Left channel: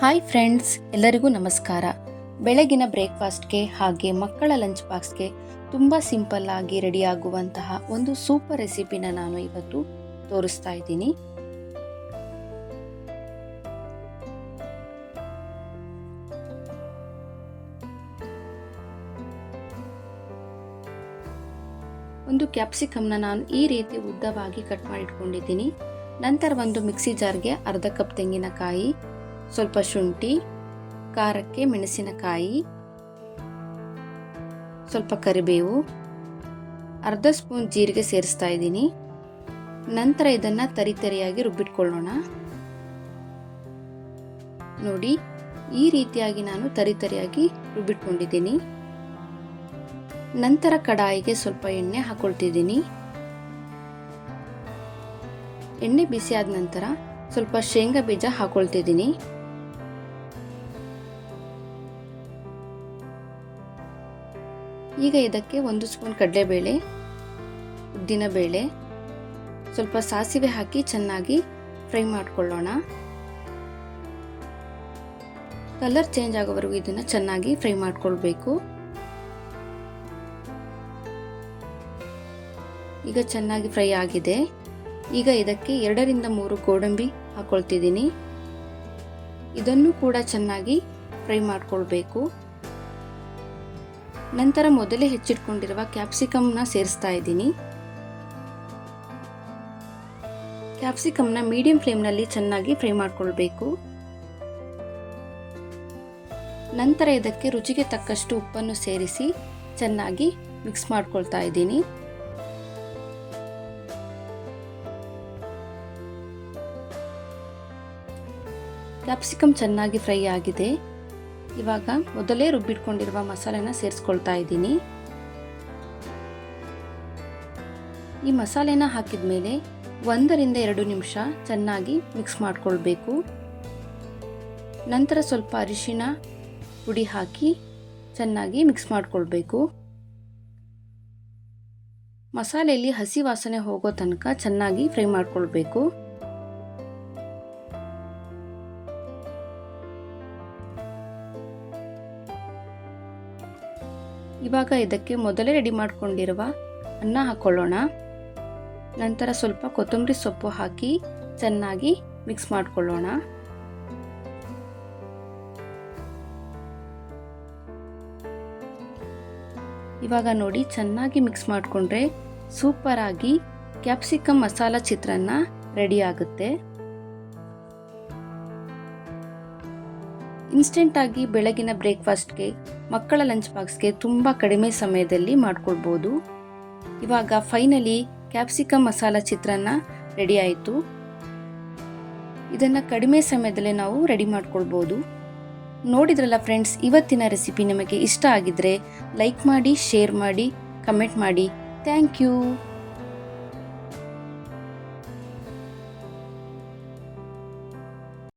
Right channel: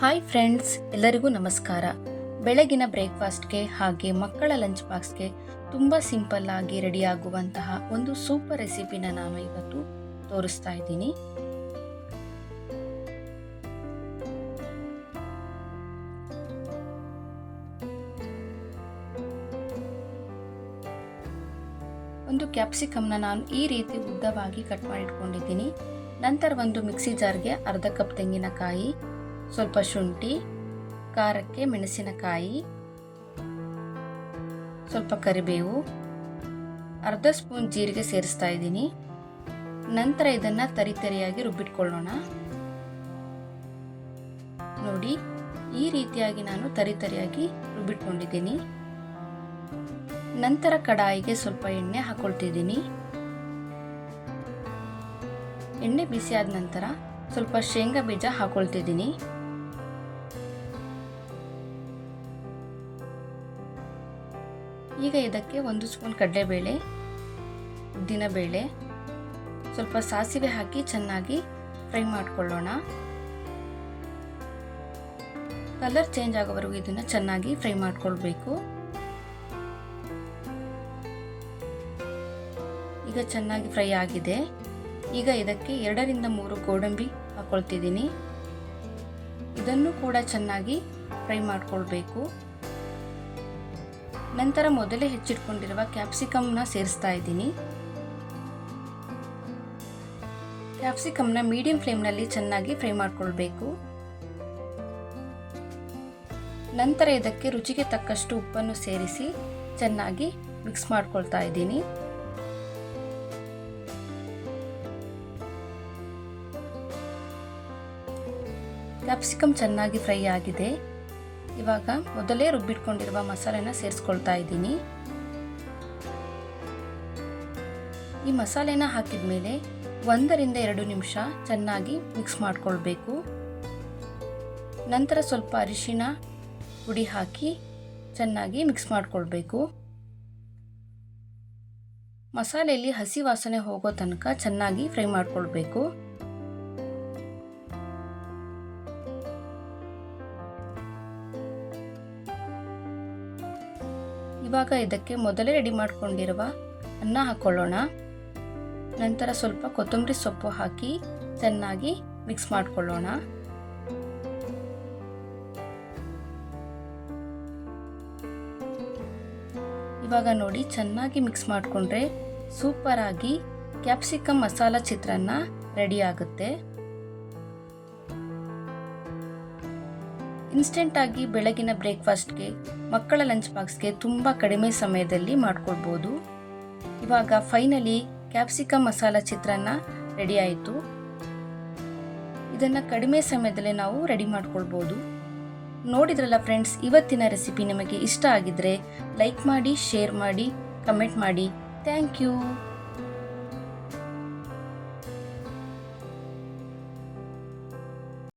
Hi friends ಎಲ್ಲರಿಗೂ ನಮಸ್ಕಾರ. ಬೆಳಗಿನ ಬ್ರೇಕ್ಫಾಸ್ಟ್ಗೆ ಹಾಗೆ ಮಕ್ಕಳ ಲಂಚ್ ಬಾಕ್ಸ್ಗೆ ತುಂಬ ಸಿಂಪಲ್ ಆಗಿ ರೆಡಿ ಆಗುವಂತಹ ಒಂದು ಸೂಪರ್ ರೆಸಿಪಿನ ನಾನು ಇವತ್ತು ತೋರಿಸ್ತಾ ಇದ್ದೀನಿ. ಒಂದು ಕ್ಯಾಪ್ಸಿಕಮ್ನ ನಾನು ಈ ರೀತಿ ಉದ್ದವಾಗಿ ಕಟ್ ಮಾಡಿಟ್ಕೊಂಡಿದ್ದೀನಿ. ನಂತರ ಒಂದು ಮಿಕ್ಸಿ ಜಾರ್ಗೆ ಅರ್ಧ ಕಪ್ ತೆಂಗಿನಕಾಯಿ ಸ್ವಲ್ಪ ಶುಂಠಿ, ಖಾರಕ್ಕೆ ಮೆಣಸಿನಕಾಯಿ, ಸ್ವಲ್ಪ ಕರಿಬೇವು. ಅರ್ಧ ಸ್ಪೂನ್ ಜೀರಿಗೆ ಸೇರಿಸ್ತಾ ಇದ್ದೀನಿ. ನಂತರ ಇದನ್ನು ತರಿತರಿಯಾಗಿ ರುಬ್ಬಿಟ್ಕೊಳ್ಳೋಣ. ನೋಡಿ, ಈ ರೀತಿಯಾಗಿ ನಾನು ತರಿತರಿಯಾಗಿ ರುಬ್ಬಿಟ್ಕೊಂಡಿದ್ದೀನಿ. ನಂತರ ಕಡಾಯಿಗೆ ಸ್ವಲ್ಪ ಎಣ್ಣೆ ಹಾಕೊಳ್ತಿದ್ದೀನಿ. ಎಣ್ಣೆ ಬಿಸಿ ಆದ ನಂತರ ಸ್ವಲ್ಪ ಶೇಂಗಾ ಬೀಜ ಹಾಕೊಳ್ತಿದ್ದೀನಿ. ಈಗ ಇದಕ್ಕೆ ಒಂದು ಸ್ಪೂನ್ ಕಡಲೆಬೇಳೆ, ಉದ್ದಿನಬೇಳೆ, ಸ್ವಲ್ಪ ಸಾಸಿವೆ ಹಾಕಿ ಚೆನ್ನಾಗಿ ಫ್ರೈ ಮಾಡಿಕೊಳ್ಳೋಣ. ಕಲರ್ ಚೇಂಜ್ ಆಗೋವರೆಗೂ ಇದನ್ನು ಚೆನ್ನಾಗಿ ಫ್ರೈ ಮಾಡಿಕೊಳ್ಬೇಕು. ಈಗ ಚೆನ್ನಾಗಿ ಫ್ರೈ ಆಗಿದೆ. ಈಗ ಇದಕ್ಕೆ ಎರಡರಿಂದ ಮೂರು ಗೋಡಂಬಿ ಹಾಕ್ಕೊಳ್ತಿದ್ದೀನಿ ಇದನ್ನು ಕೂಡ ಚೆನ್ನಾಗಿ ಫ್ರೈ ಮಾಡ್ಕೊಳ್ಬೇಕು. ನಂತರ ಮೊದಲೇ ಹೆಚ್ಚಿಟ್ಕೊಂಡಿರುವ ಕ್ಯಾಪ್ಸಿಕಮ್ನ ಸೇರಿಸ್ತಾ ಇದ್ದೀನಿ. ಕ್ಯಾಪ್ಸಿಕಮ್ನ ಮೀಡಿಯಂ ಫ್ಲೇಮ್ನಲ್ಲಿ ಚೆನ್ನಾಗಿ ಫ್ರೈ ಮಾಡಿಕೊಳ್ಬೇಕು. ನಂತರ ಇದಕ್ಕೆ ರುಚಿಗೆ ತಕ್ಕಷ್ಟು ಉಪ್ಪನ್ನು ಸೇರಿಸಿ ಚೆನ್ನಾಗಿ ಮಿಕ್ಸ್ ಮಾಡ್ಕೊಳ್ತಾ ಇದ್ದೀನಿ. ಕ್ಯಾಪ್ಸಿಕಮ್ ಚೆನ್ನಾಗಿ ಫ್ರೈ ಆಗಿದೆ. ಇವಾಗ ಮೊದಲೇ ರುಬ್ಬಿಟ್ಕೊಂಡಿರುವ ಮಸಾಲೆನ ಸೇರಿಸ್ಕೊಳ್ತಾ ಇದ್ದೀನಿ. ಈ ಮಸಾಲೆನ ಹಾಕಿದ ಮೇಲೆ ಒಂದರಿಂದ ಎರಡು ನಿಮಿಷ ಚೆನ್ನಾಗಿ ಮಿಕ್ಸ್ ಮಾಡಿಕೊಳ್ಬೇಕು. ನಂತರ ಸ್ವಲ್ಪ ಅರಿಶಿನ ಪುಡಿ ಹಾಕಿ ಚೆನ್ನಾಗಿ ಮಿಕ್ಸ್ ಮಾಡಿಕೊಳ್ಬೇಕು. ಮಸಾಲೆಯಲ್ಲಿ ಹಸಿ ವಾಸನೆ ಹೋಗೋ ತನಕ ಚೆನ್ನಾಗಿ ಫ್ರೈ ಮಾಡ್ಕೊಳ್ಬೇಕು. ಇವಾಗ ಇದಕ್ಕೆ ಮೊದಲೇ ರೆಡಿ ಮಾಡಿಕೊಂಡಿರುವ ಅನ್ನ ಹಾಕ್ಕೊಳ್ಳೋಣ ನಂತರ ಸ್ವಲ್ಪ ಕೊತ್ತಂಬರಿ ಸೊಪ್ಪು ಹಾಕಿ ಚೆನ್ನಾಗಿ ಮಿಕ್ಸ್ ಮಾಡಿಕೊಳ್ಳೋಣ. ಇವಾಗ ನೋಡಿ ಚೆನ್ನಾಗಿ ಮಿಕ್ಸ್ ಮಾಡಿಕೊಂಡ್ರೆ ಸೂಪರಾಗಿ ಕ್ಯಾಪ್ಸಿಕಮ್ ಮಸಾಲ ಚಿತ್ರಾನ್ನ ರೆಡಿ ಆಗುತ್ತೆ. ಇನ್ಸ್ಟೆಂಟಾಗಿ ಬೆಳಗಿನ ಬ್ರೇಕ್ಫಾಸ್ಟ್ಗೆ, ಮಕ್ಕಳ ಲಂಚ್ ಬಾಕ್ಸ್ಗೆ ತುಂಬ ಕಡಿಮೆ ಸಮಯದಲ್ಲಿ ಮಾಡಿಕೊಳ್ಬೋದು ಇವಾಗ finally capsicum masala chitranna ready ಆಯಿತು ಇದನ್ನು ಕಡಿಮೆ ಸಮಯದಲ್ಲಿ ನಾವು ರೆಡಿ ಮಾಡ್ಕೊಳ್ಬೋದು ನೋಡಿದ್ರಲ್ಲ ಫ್ರೆಂಡ್ಸ್, ಇವತ್ತಿನ ರೆಸಿಪಿ ನಿಮಗೆ ಇಷ್ಟ ಆಗಿದ್ರೆ ಲೈಕ್ ಮಾಡಿ, ಶೇರ್ ಮಾಡಿ, ಕಮೆಂಟ್ ಮಾಡಿ. Thank you!